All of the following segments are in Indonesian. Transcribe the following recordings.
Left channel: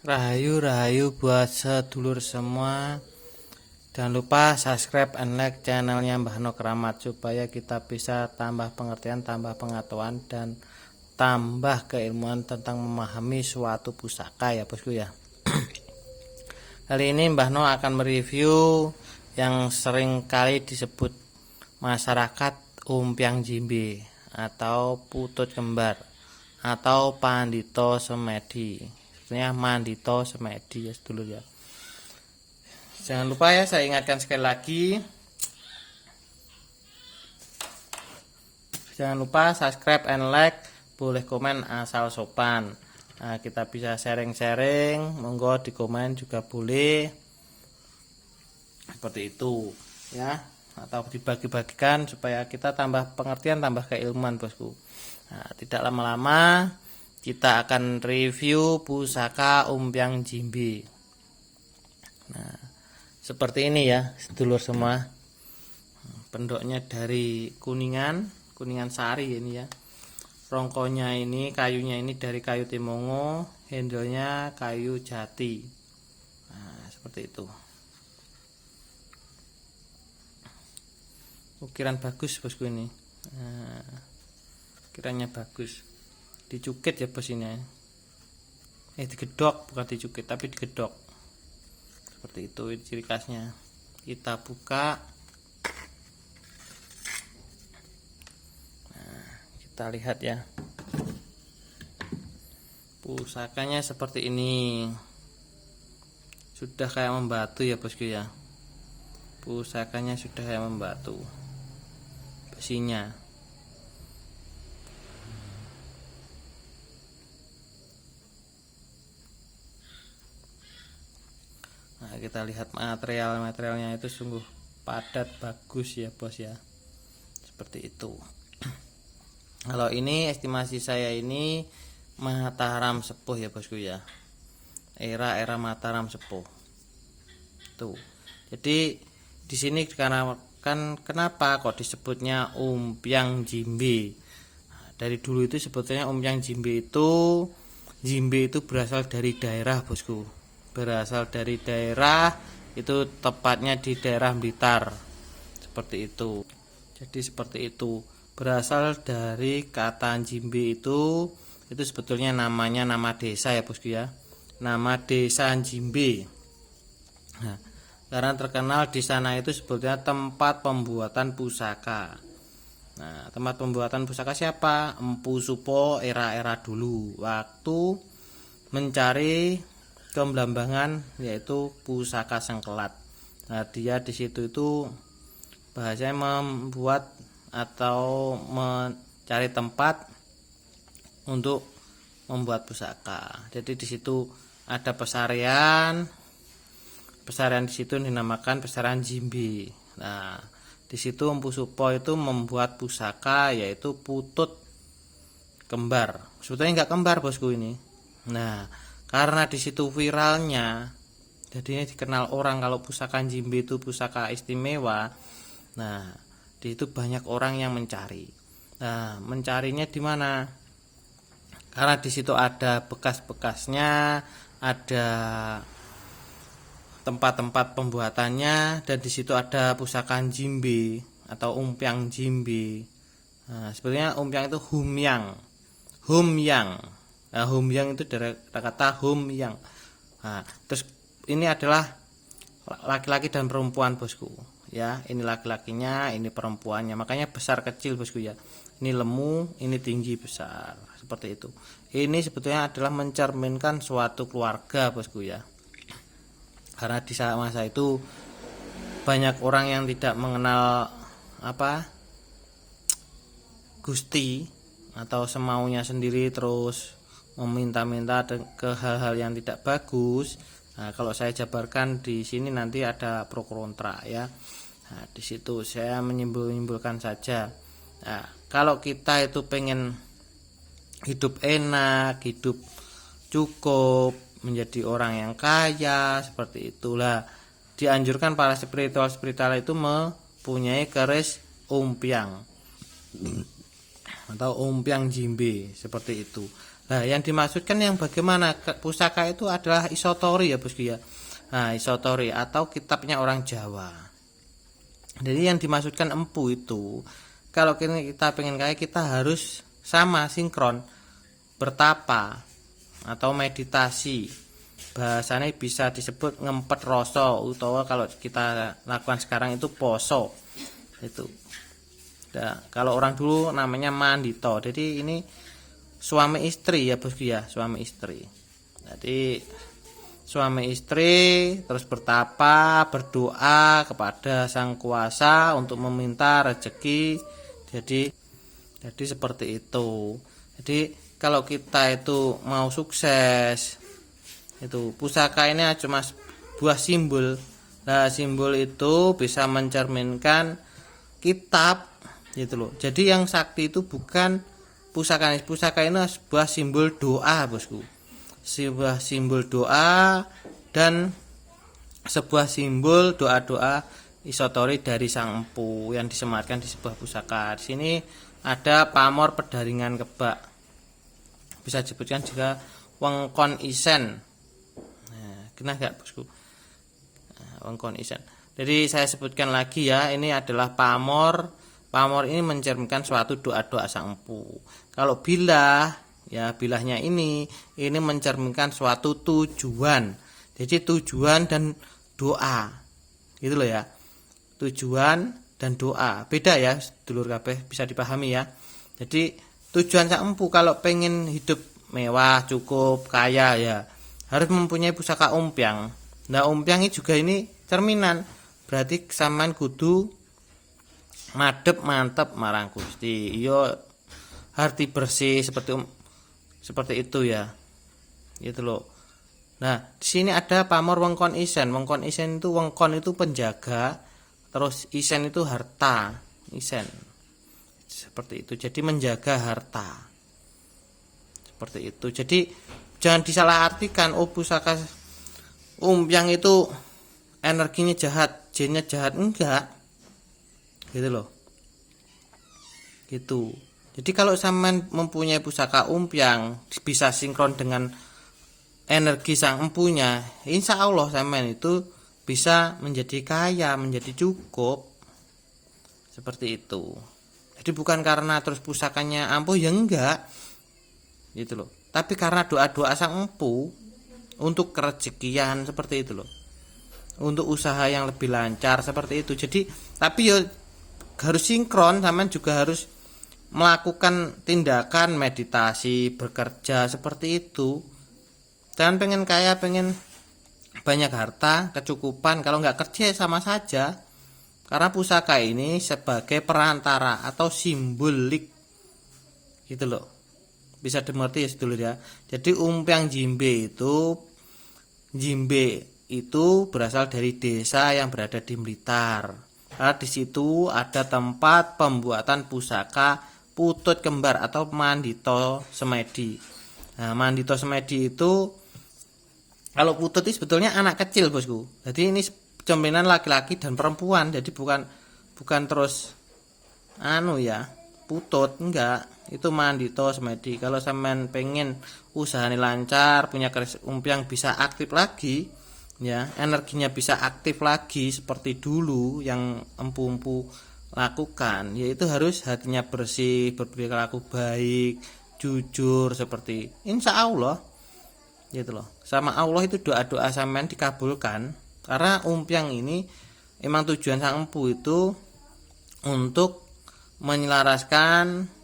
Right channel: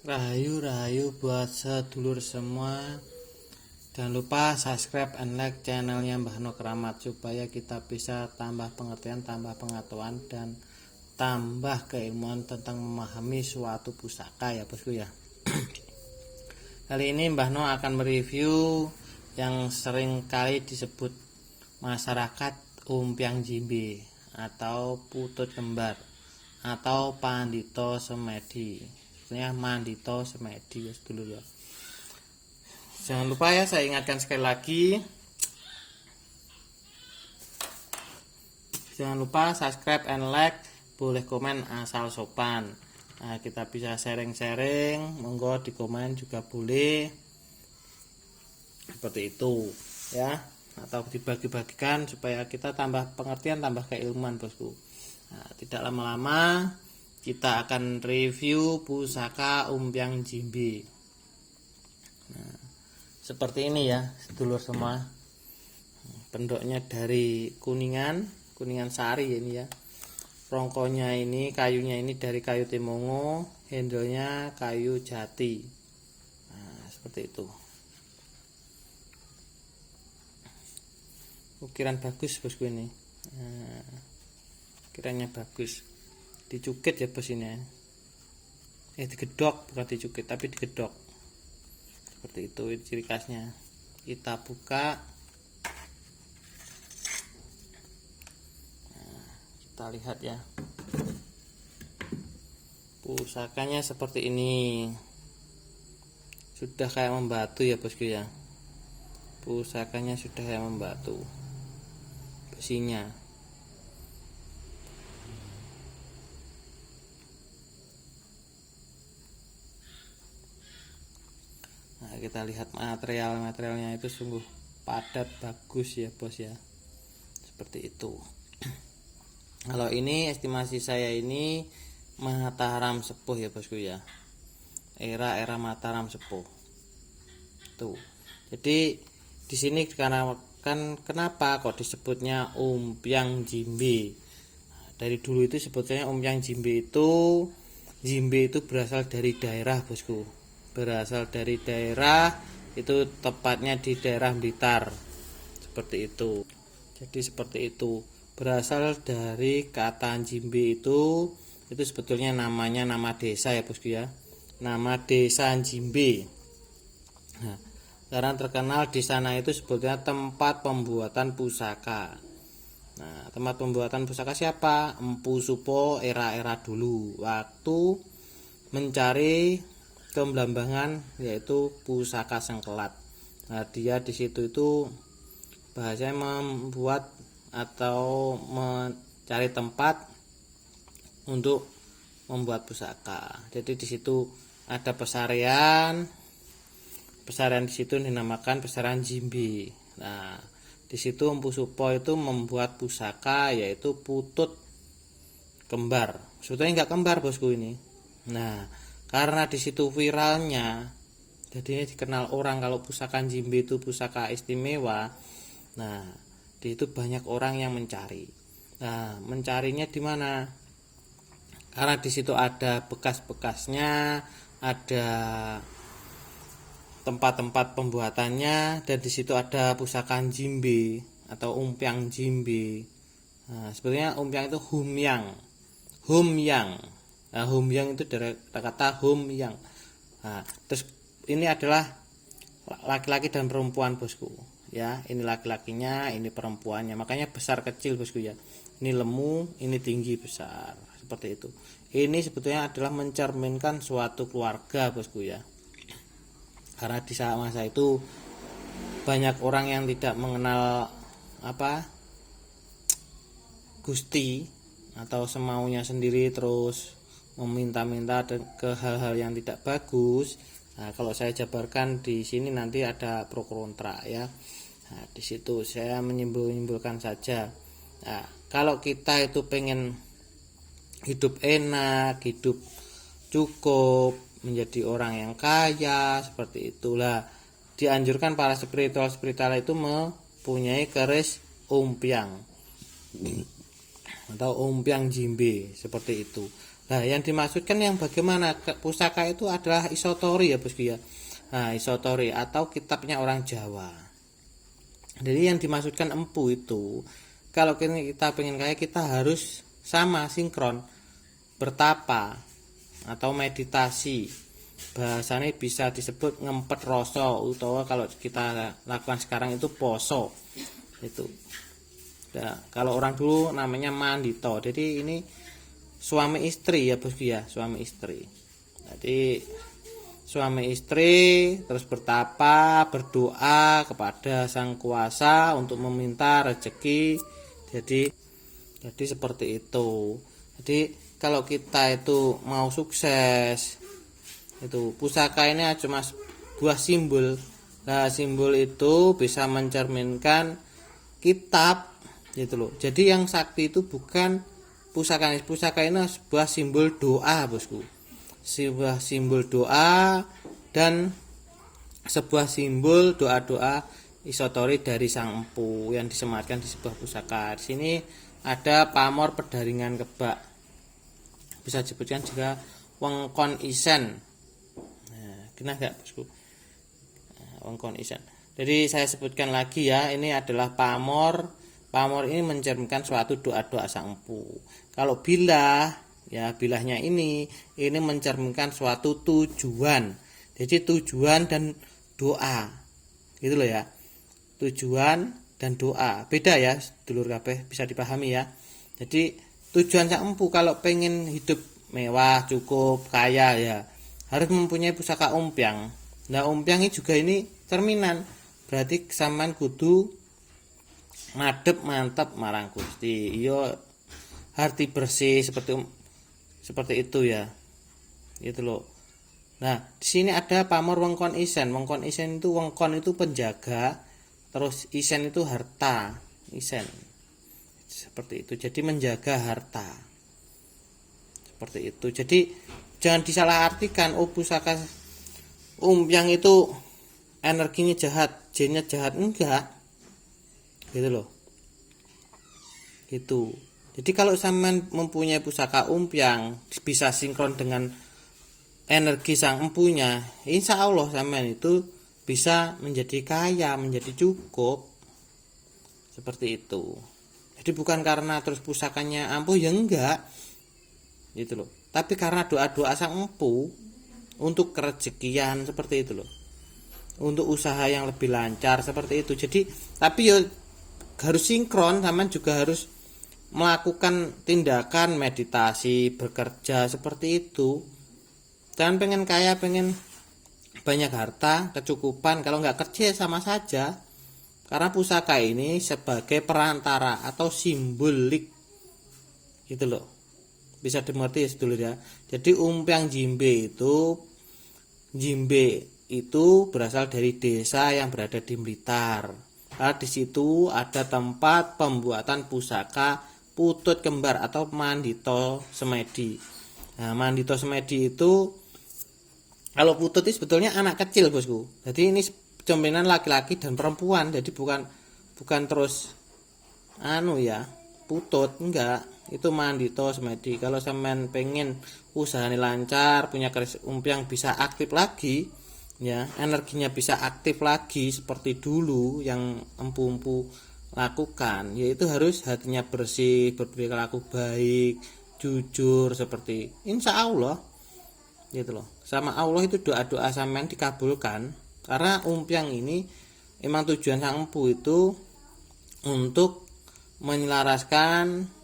Rahayu buat sedulur semua. Jangan lupa subscribe and like channelnya Mbah No Keramat supaya kita bisa tambah pengertian, tambah pengetahuan, dan tambah keilmuan tentang memahami suatu pusaka ya bosku ya. Kali ini Mbah No akan mereview yang sering kali disebut masyarakat umpiang jimbe atau putut kembar atau pandito semedi. Sebenarnya mandito semedi ya sedulur ya. Jangan lupa ya, saya ingatkan sekali lagi, jangan lupa subscribe and like, boleh komen asal sopan. Nah, kita bisa sharing-sharing, monggo di komen juga boleh, seperti itu ya, atau dibagi-bagikan supaya kita tambah pengertian, tambah keilmuan bosku. Nah, tidak lama-lama kita akan review pusaka umpiang jimbe. Nah, seperti ini ya sedulur semua. Pendoknya dari Kuningan Sari ini ya. Rongkonya ini, kayunya ini dari kayu timongo, handlenya kayu jati. Nah, seperti itu. Ukiran bagus bosku ini. Nah, ukirannya bagus. Dicukit ya bos ini. Digedok, bukan dicukit tapi digedok. Seperti itu ciri khasnya. Kita buka. Nah, kita lihat ya. Pusakanya seperti ini. Sudah kayak membatu ya bosku ya. Pusakanya sudah kayak membatu. Besinya. Nah, kita lihat materialnya itu sungguh padat, bagus ya bos ya. Seperti itu. Kalau ini estimasi saya ini Mataram Sepuh ya bosku ya. Era Mataram Sepuh. Tuh. Jadi di sini karena kan kenapa kok disebutnya umpiang jimbe? Nah, dari dulu itu sebetulnya umpiang jimbe itu berasal dari daerah bosku. Berasal dari daerah itu, tepatnya di daerah Blitar, seperti itu. Jadi seperti itu, berasal dari kata jimbe itu sebetulnya namanya nama desa ya bosku ya, nama desa Jimbe. Nah, karena terkenal di sana itu sebetulnya tempat pembuatan pusaka. Nah, tempat pembuatan pusaka siapa? Empu Supo era dulu waktu mencari kebelambangan yaitu pusaka sengkelat. Nah, dia di situ itu bahasanya membuat atau mencari tempat untuk membuat pusaka. Jadi di situ ada pesarian di situ dinamakan pesarian jimbe. Nah, di situ Empu Supo itu membuat pusaka yaitu putut kembar. Sebetulnya enggak kembar bosku ini. Nah, karena di situ viralnya, jadi dikenal orang kalau pusaka jimbe itu pusaka istimewa. Nah, di itu banyak orang yang mencari. Nah, mencarinya di mana? Karena di situ ada bekas-bekasnya, ada tempat-tempat pembuatannya, dan di situ ada pusaka jimbe atau umpiang jimbe. Nah, sebenarnya umpiang itu humyang. Nah, humyang itu dari kata humyang. Nah, terus ini adalah laki-laki dan perempuan bosku ya. Ini laki-lakinya, ini perempuannya, makanya besar kecil bosku ya. Ini lemu, ini tinggi besar, seperti itu. Ini sebetulnya adalah mencerminkan suatu keluarga bosku ya. Karena di masa itu banyak orang yang tidak mengenal Gusti atau semaunya sendiri, terus meminta-minta ke hal-hal yang tidak bagus. Nah, kalau saya jabarkan di sini nanti ada pro kontra ya. Nah, di situ saya menyimpulkan saja. Nah, kalau kita itu pengen hidup enak, hidup cukup, menjadi orang yang kaya, seperti itulah dianjurkan para spiritual itu mempunyai keris umpiang atau umpiang jimbe, seperti itu. Nah, yang dimaksudkan yang bagaimana pusaka itu adalah isotori ya bosku ya. Nah, isotori atau kitabnya orang Jawa. Jadi yang dimaksudkan empu itu, kalau kita pengen kaya kita harus sama sinkron, bertapa atau meditasi. Bahasanya bisa disebut ngempet rasa, utawa kalau kita lakukan sekarang itu poso. Itu. Nah, kalau orang dulu namanya mandito. Jadi ini suami istri ya bosku ya, suami istri. Jadi suami istri terus bertapa, berdoa kepada sang kuasa untuk meminta rezeki. Jadi seperti itu. Jadi kalau kita itu mau sukses, itu pusaka ini cuma buah simbol. Nah, simbol itu bisa mencerminkan kitab gitu loh. Jadi yang sakti itu bukan pusaka ini sebuah simbol doa bosku, sebuah simbol doa dan sebuah simbol doa-doa isotori dari sang empu yang disematkan di sebuah pusaka. Di sini ada pamor pedaringan kebak, bisa disebutkan juga wengkon isen. Nah, kena nggak bosku? Nah, wengkon isen. Jadi saya sebutkan lagi ya, ini adalah pamor. Pamor ini mencerminkan suatu doa-doa sang empu. Kalau bilah, ya bilahnya ini mencerminkan suatu tujuan. Jadi tujuan dan doa, gitu loh ya. Tujuan dan doa beda ya, dulur kabeh, bisa dipahami ya. Jadi tujuan sang empu kalau pengen hidup mewah, cukup, kaya ya, harus mempunyai pusaka umpiang. Nah, umpiang ini juga ini cerminan. Berarti sampean kudu madep mantep marang Gusti. Iya, hati bersih seperti itu ya. Gitu loh. Nah, di sini ada pamor wengkon isen. Wengkon isen itu, wengkon itu penjaga, terus isen itu harta. Isen. Seperti itu. Jadi menjaga harta. Seperti itu. Jadi jangan disalahartikan pusaka umpiang itu energinya jahat, jinnya jahat, enggak. Gitu loh. Gitu. Jadi kalau sampean mempunyai pusaka umpiang bisa sinkron dengan energi sang empunya, insya Allah sampean itu bisa menjadi kaya, menjadi cukup. Seperti itu. Jadi bukan karena terus pusakanya ampuh ya enggak. Gitu loh. Tapi karena doa-doa sang empu untuk kerezekian seperti itu loh. Untuk usaha yang lebih lancar seperti itu. Jadi tapi ya harus sinkron, sampean juga harus melakukan tindakan meditasi, bekerja seperti itu. Jangan pengen kaya, pengen banyak harta, kecukupan, kalau nggak kerja sama saja. Karena pusaka ini sebagai perantara atau simbolik, gitu loh. Bisa dimengerti ya dulu ya. Jadi umpiang jimbe itu berasal dari desa yang berada di Blitar. Karena di situ ada tempat pembuatan pusaka putut kembar atau mandito semedi. Nah, mandito semedi itu, kalau putut itu sebetulnya anak kecil bosku. Jadi ini cerminan laki-laki dan perempuan. Jadi bukan terus putut, enggak. Itu mandito semedi. Kalau sampean pengen usahanya lancar, punya umpiang bisa aktif lagi, ya, energinya bisa aktif lagi seperti dulu yang empu-empu lakukan, yaitu harus hatinya bersih, berperilaku baik, jujur, seperti insya Allah gitu loh. Sama Allah itu doa-doa sampean dikabulkan. Karena umpiang ini emang tujuan sang empu itu untuk menyelaraskan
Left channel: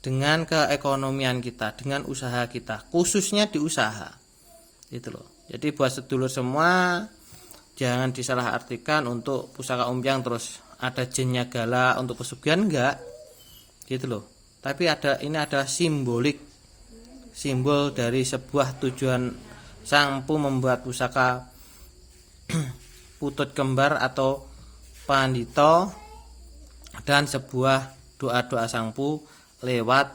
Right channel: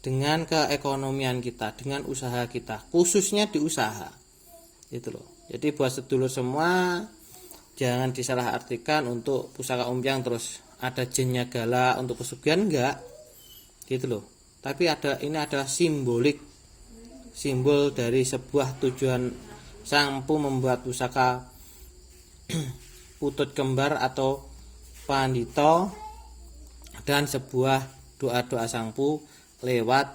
dengan keekonomian kita, dengan usaha kita, khususnya di usaha gitu loh. Jadi buat sedulur semua, jangan disalahartikan untuk pusaka umpiang terus ada jinnya galak untuk pesugihan, enggak gitu loh. Tapi ini adalah simbol dari sebuah tujuan sang empu membuat pusaka putut kembar atau pandito dan sebuah doa-doa sang empu lewat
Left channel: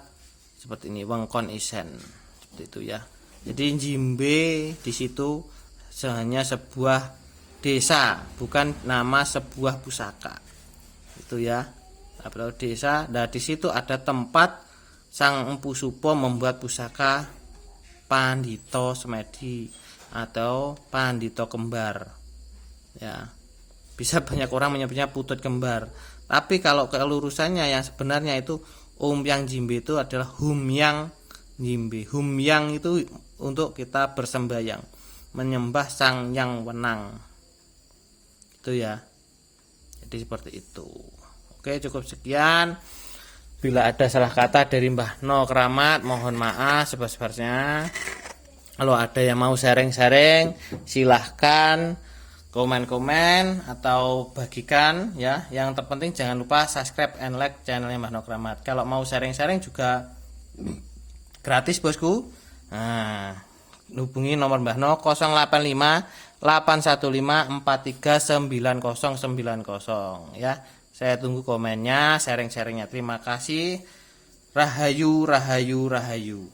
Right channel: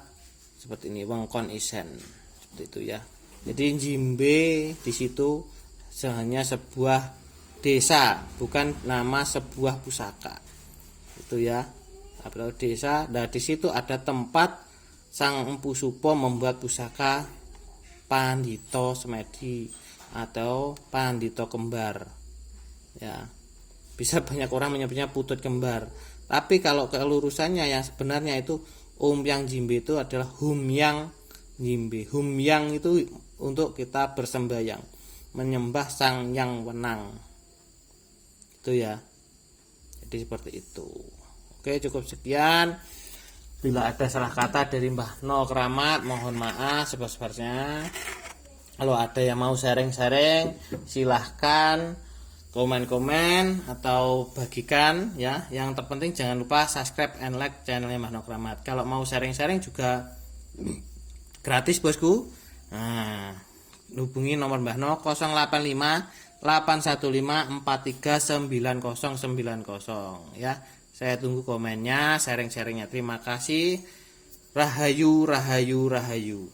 seperti ini, wengkon isen, seperti itu ya. Jadi jimbe di situ hanya sebuah desa, bukan nama sebuah pusaka. Itu ya. Atau desa. Nah, di situ ada tempat Sang Empu Supo membuat pusaka Pandito Semedi atau Pandito Kembar. Ya. Bisa banyak orang menyebutnya Putut Kembar. Tapi kalau kelurusannya yang sebenarnya itu Umyang Jimbe itu adalah Humyang Jimbe. Humyang itu untuk kita bersembayang, menyembah Sang Yang Wenang. Itu ya. Jadi seperti itu. Oke, cukup sekian. Bila ada salah kata dari Mbah No Keramat, mohon maaf sebesar-besarnya. Kalau ada yang mau sharing-sharing, silahkan komen-komen atau bagikan ya. Yang terpenting jangan lupa subscribe and like channelnya Mbah No Keramat. Kalau mau sharing-sharing juga gratis bosku. Nah, hubungi nomor Mbah No 085 815 439090 ya. Saya tunggu komennya, sharing-sharingnya. Terima kasih. Rahayu, rahayu, rahayu.